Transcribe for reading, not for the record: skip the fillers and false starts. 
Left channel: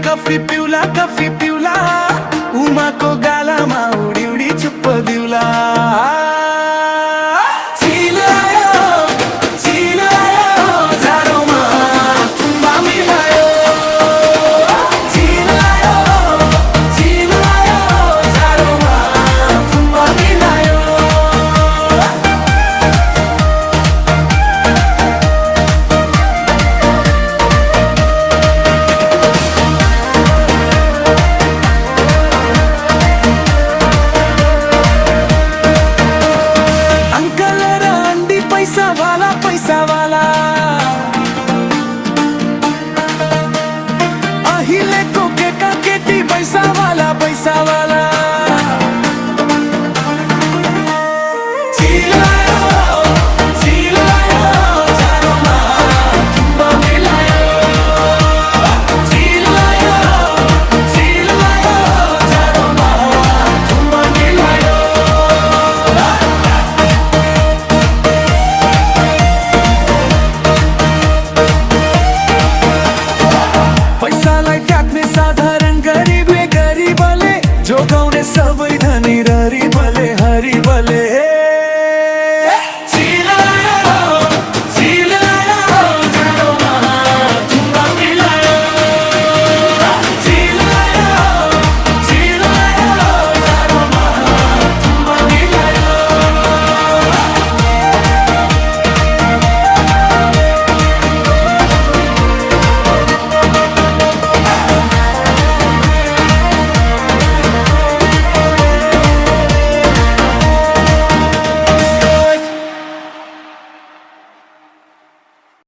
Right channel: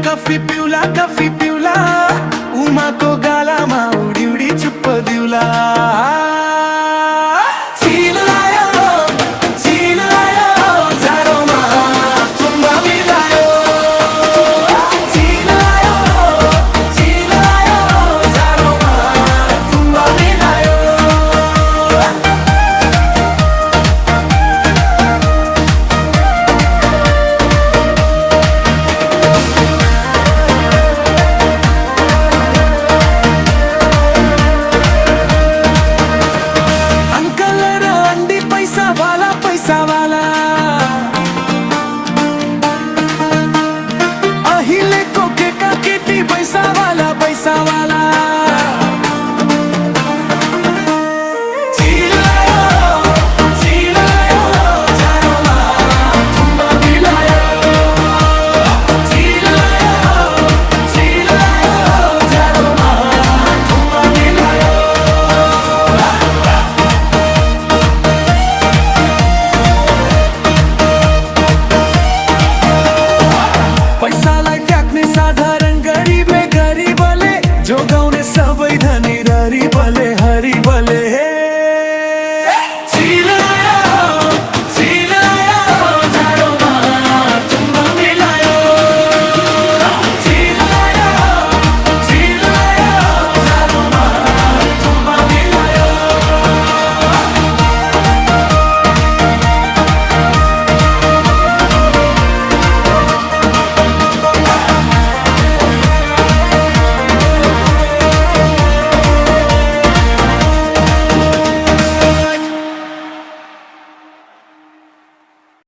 coffee पिउला उमाको गालामा उडी उडी चुप्प दिउला चिल आयो जाडोमा तुम्बा मिलायो चिल आयो जाडोमा तुम्बा मिलायो पैसा वाला अहिले को केका केटी पैसा वाला चिल आयो जाडोमा तुम्बा मिलायो चिल आयो जाडोमा तुम्बा मिलायो पैसालाई फ्याक्ने साधारण गरिबले जोगाउने सबै धनी हरिबले